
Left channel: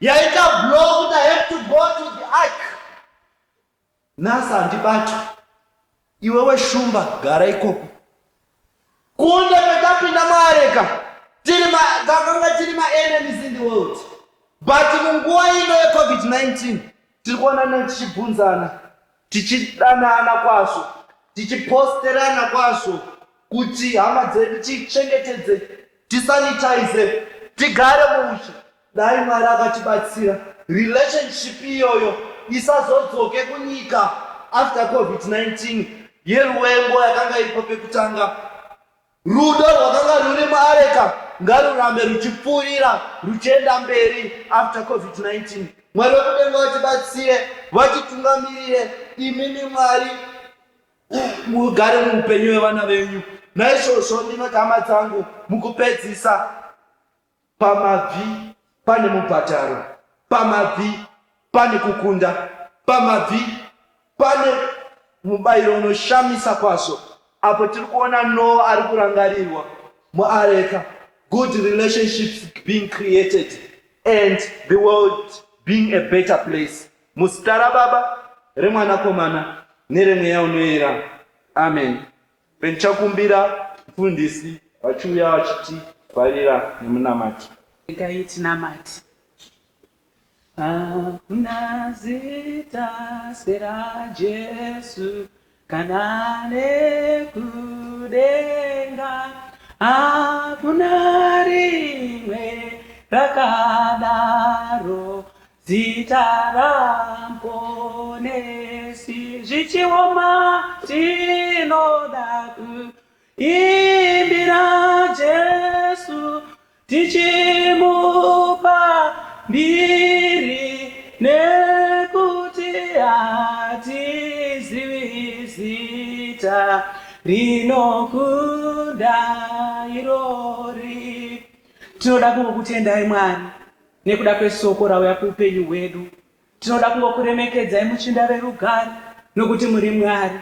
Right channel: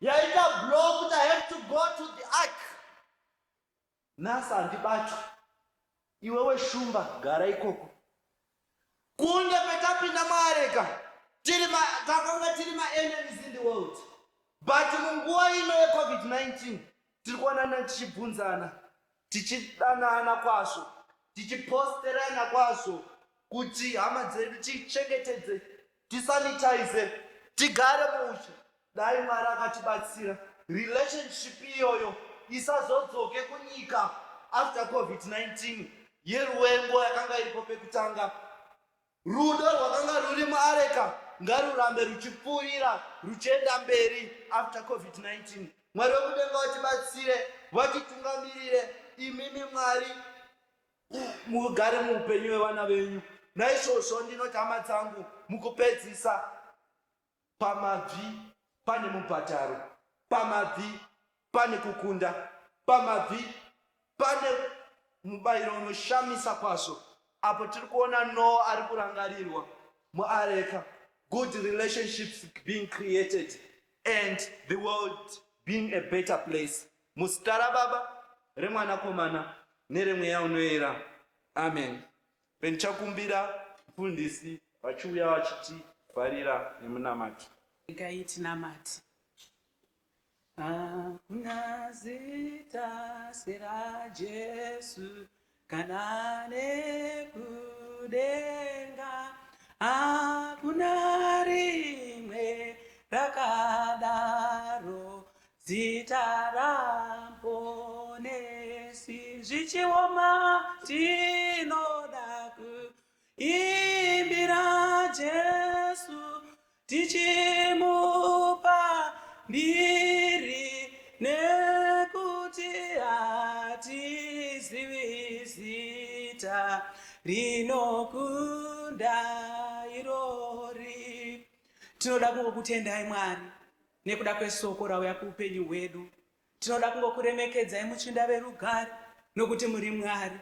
yaita blow kuti I have to go to the ark. Nhasi handibatwi, iwewe shumba gara ikoko. Kunde petapinda muareka takanga tiri ma-enemies in the world, but munguva ino yeCovid-19 tiri kuonana tichibvunzana, tichidanana kwazvo, tichiposterana kwazvo kuti hama dzedu tichengetedze, tisanitize, tigare mushe. Dai Mwari akatibatsira relationship iyoyo isazodzoke kunyika after COVID-19 yeruvengo yakanga iripo pekutanga. Rudo rwakanga ruri muareka ngarurambe ruchipfuurira ruchienda mberi after COVID-19. Mwari wekudenga vatibatsire, vatitungamirire. Imimi Mwari mugare muupenyu hwevana venyu. Naizvozvo ndinoti hama dzangu, mukupedzisa, pamabvi pane mubhadharo, pamabvi pane kukunda, pamabvi pane mubayiro unoshamisa kwazvo apo tiri kuona Noa ari kurangarirwa muareka, good relationships being created and the world being a better place. Muzita raBaba, reMwanakomana neremweya unoyera. Amen. Pendichakumbira mufundisi vachiuya vachitivharira nemunamati. Regai tinamate. Hakuna zita seraJesu kana nekudenga, hakuna rimwe rakadaro zita raMponesi. Zvichioma tinoda kuimbira Jesu, tichimupa mbiri nekuti hatizivi zita rinokunda irori. Tinoda kungokutendai Mwari nekuda kwesoko rauya kuupenyu hwedu. Tinoda kungokuremekedzai muchinda verugare nokuti muri Mwari.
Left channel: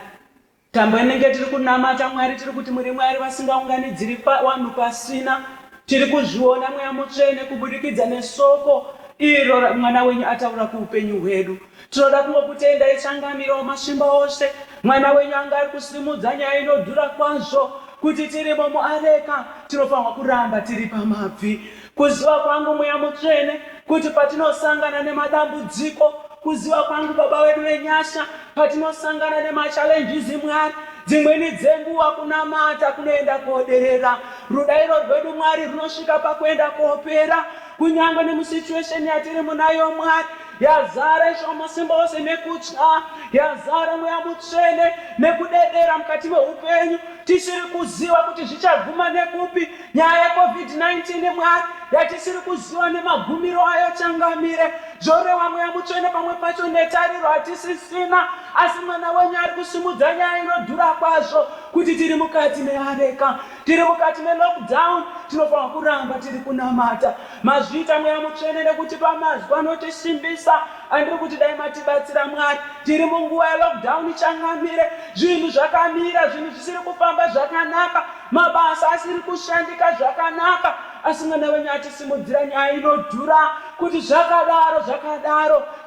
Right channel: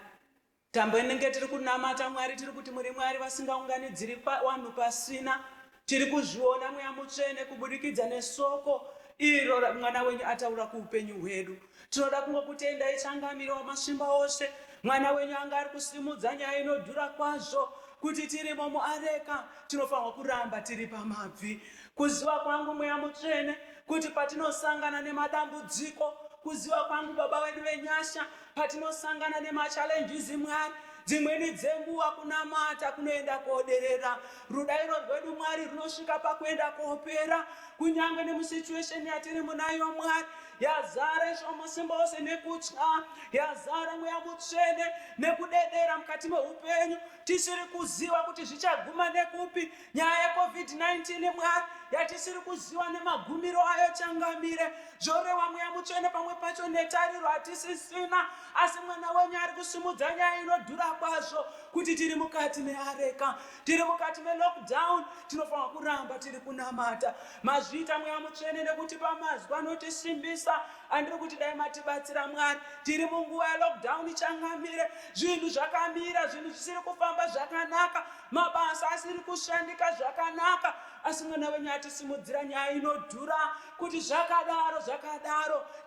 Tambo inenge tiri kunamata Mwari, tiri kuti muri Mwari vasingaunganidziri vanhu pasina. Tiri kuzviona Mweya Mutsvene kubudikidza nesoko iro mwana wenyu ataura kuupenyu hwedu. Tinoda kungokutendai changamiro masvimba ose. Mwana wenyu anga ari kusimudza nyaya inodhura kwazvo kuti tirimo muareka tinofanirwa kuramba tiri pamabvi. Kuziva kwangu Mweya Mutsvene kuti patinosangana nemadambudziko, kuziva kwangu Baba wedu wenyasha patinosangana nemachallenges Mwari, dzimweni dzenguva kunamata kunoenda koderera. Rudairo rwedu Mwari runosvika pakuenda kopera, kunyange nemusituation yatiri munayo Mwari yazara masimba ose nekutya, yazara Mweya Mutsvene nekudedera mukati meupenyu, tisiri kuziva kuti zvichaguma nekupi. Nyaya yeCovid-19 Mwari yatisiri kuziva nemagumiro ayo changamire. Zvoreva Mweya Mutsvene pamwe pacho netariro hatisisina, asi mwana wenyu ari kusimudza nyaya inodhura kwazvo kuti tiri mukati meareka, tiri mukati melockdown, tinofanirwa kuramba tiri kunamata. Mazviita Mweya Mutsvene nekuti pamazwi anotisimbisa. Andiri kuti dai matibatsira Mwari, tiri munguva yelockdown changamire, zvinhu zvakamira, zvinhu zvisiri kufamba zvakanaka, mabasa asiri kushandika zvakanaka, asi mwana wenyu atisimudzira nyaya inodhura kuti zvakadaro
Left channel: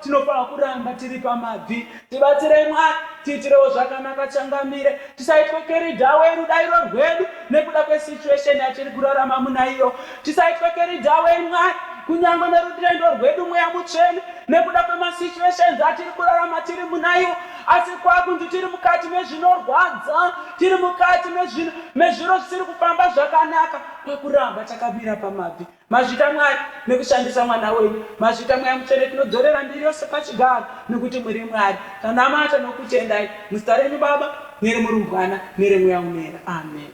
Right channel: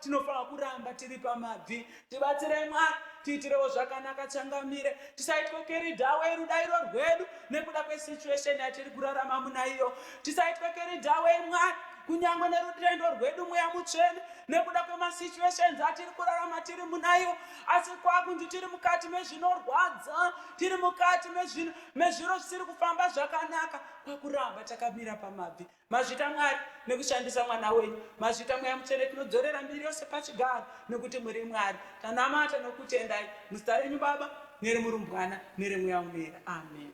tinofanirwa kuramba tiri pamabvi. Tibatsirei Mwari, tiitirewo zvakanaka changamire, tisaitwe keridhawe rudairo rwedu nekuda kwesituation yatiri kurarama munaiyo. Tisaitwe keridhawe Mwari kunyange nerudendo rwedu Mweya Mutsvene nekuda kwemasituations atiri kurarama tiri munaiyo, asi kwakunzi tiri mukati mezvinorwadza, tiri mukati mezviro zvisiri kufamba zvakanaka, pakuramba takamira pamabvi. Mazvita Mwari nekushandisa mwana wenyu, mazvita Mweya Mutsvene tinodzorera mbiri yose pachigaro nekuti muri Mwari. Tanamata nokutendai muzita renyu Baba neremurumbwana neremweya unoyera. Amen.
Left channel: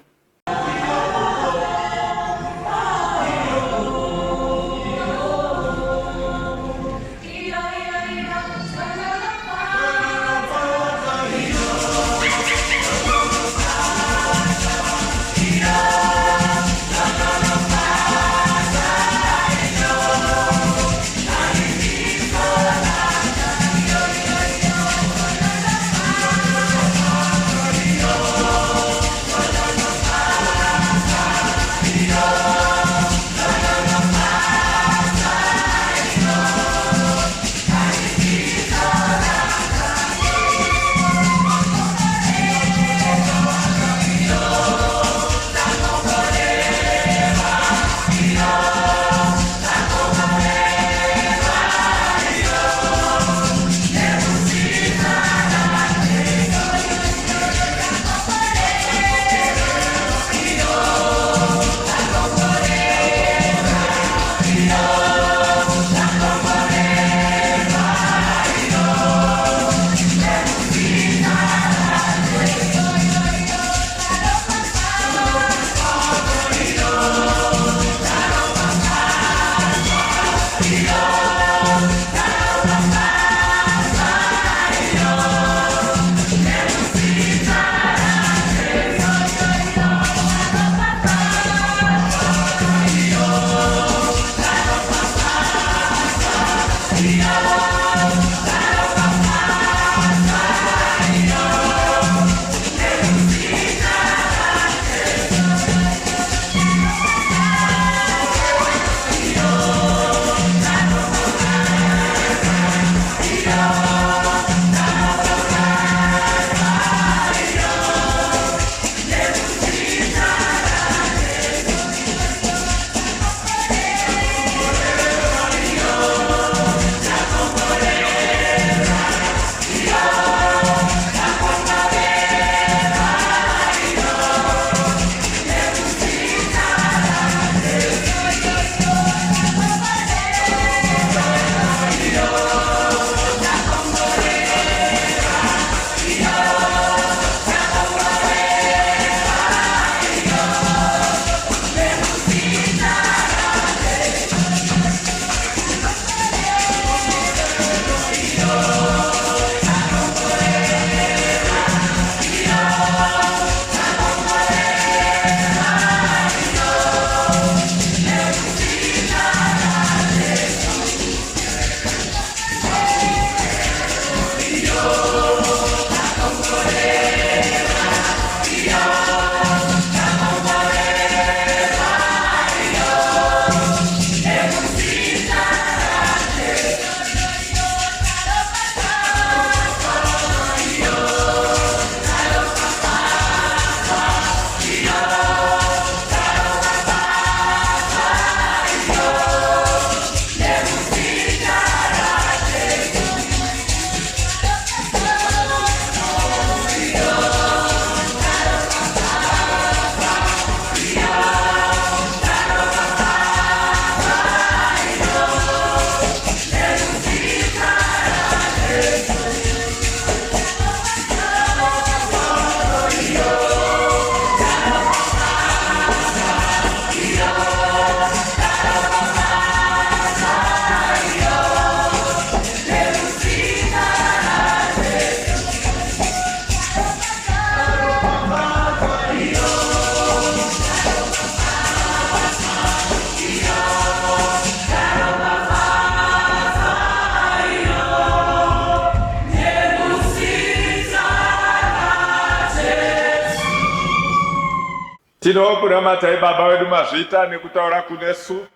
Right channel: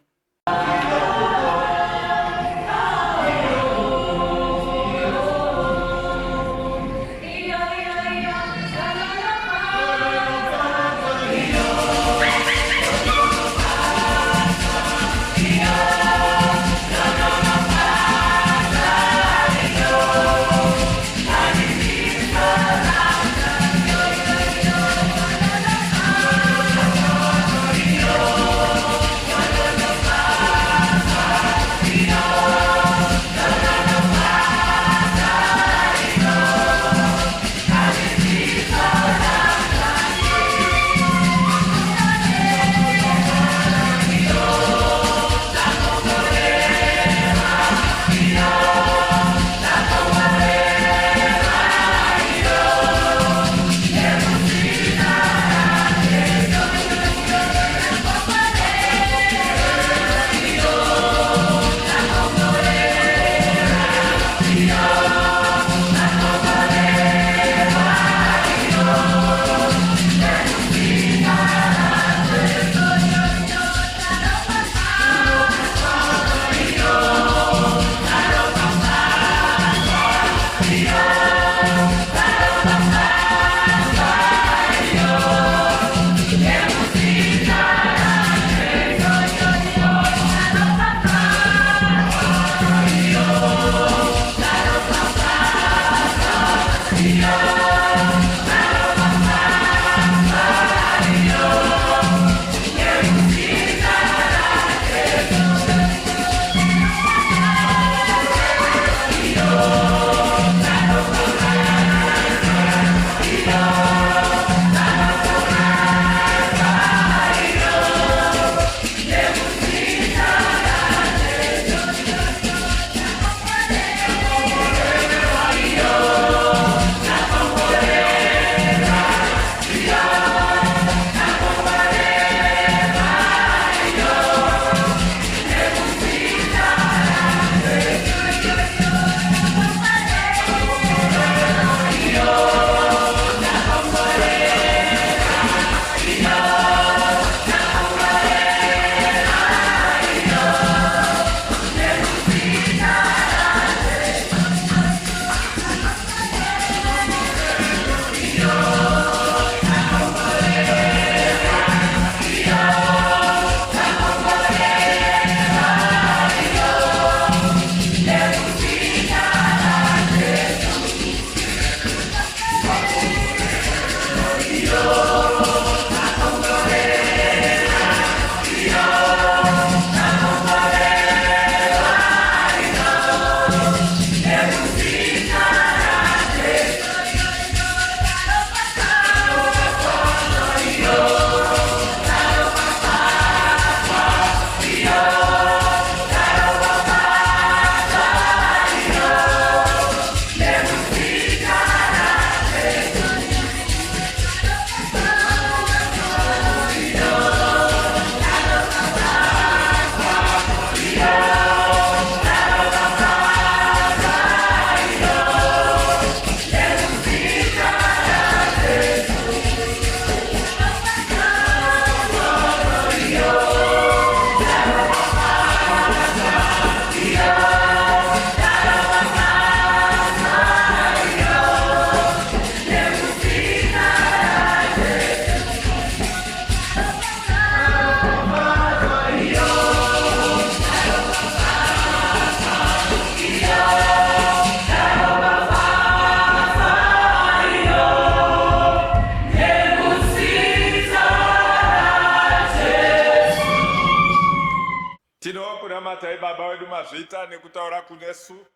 Tinokunamatai Baba wedu mazvita nekutaura kunesu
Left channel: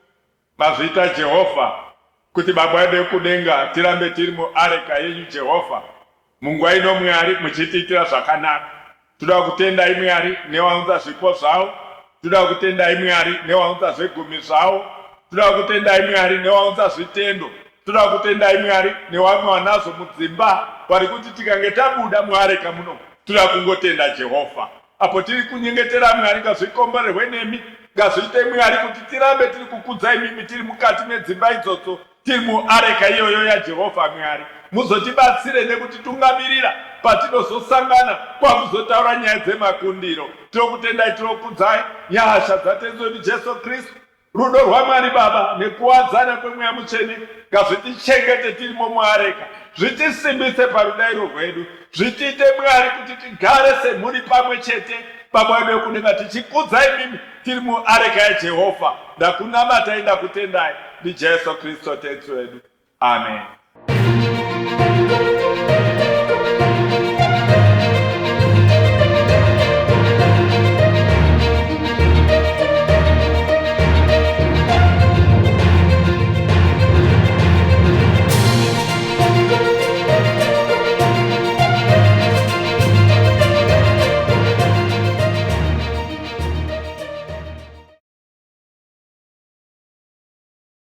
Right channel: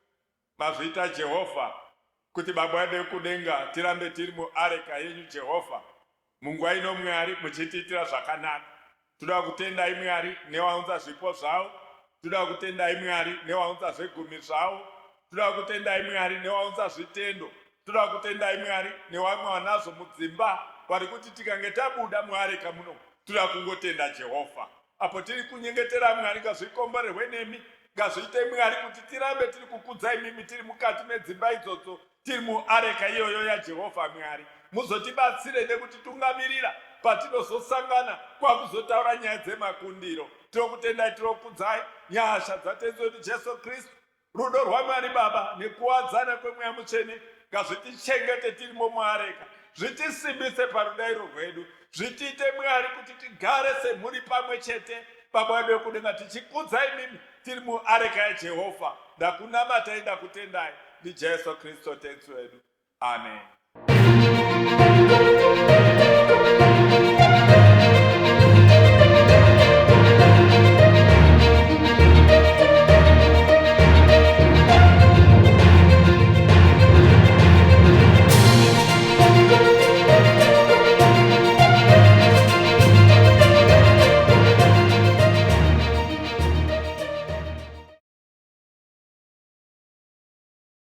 mazvita Jehovha kuti Baba wedu wekudenga tirambe tiri muareka yenyu Jehovha. Munguva ino Mwari muchitiitira zvakanaka. Toda kutendai Mwari newaunza zvipo zvavo. Toda kutendai Mwari newaunza zvegumi zvavo. Toda kutendai Mwari newaunza zvitendo. Toda kutendai Mwari newamwe wanazo mudzimba vari kuti tikange tabuda muareka muno. Toda kungotenda Jehovha. Apo tiri kunyengetera Mwari ngazvikomborerwe nemi. Ngazviite Mwari kuti tirambe tiri kukudzai mimi tiri mukati medzimba idzodzo. Tiri muareka iyoyo yaJehovha Mwari. Muzotibatsire nekutitungamirira patinozosangana kwakuzotaura nyaya dzemakundiro. Tinokutendai, tinokudzai nyasha dzatenzi wedu Jesu Kristu, rudo rwaMwari Baba nekuwadzana kwemweya mutsvene ngazvitichengete tirimo muareka, zvitisimbise parudairo rwedu, zvitiite Mwari kuti tigare semhuri pamwe chete Baba wedu wekudenga tichikudzai mimi tiri muareka yaJehovha. Ndakunamatai, ndakutendai, ndiJesu Kristu tenzi wedu. Amen.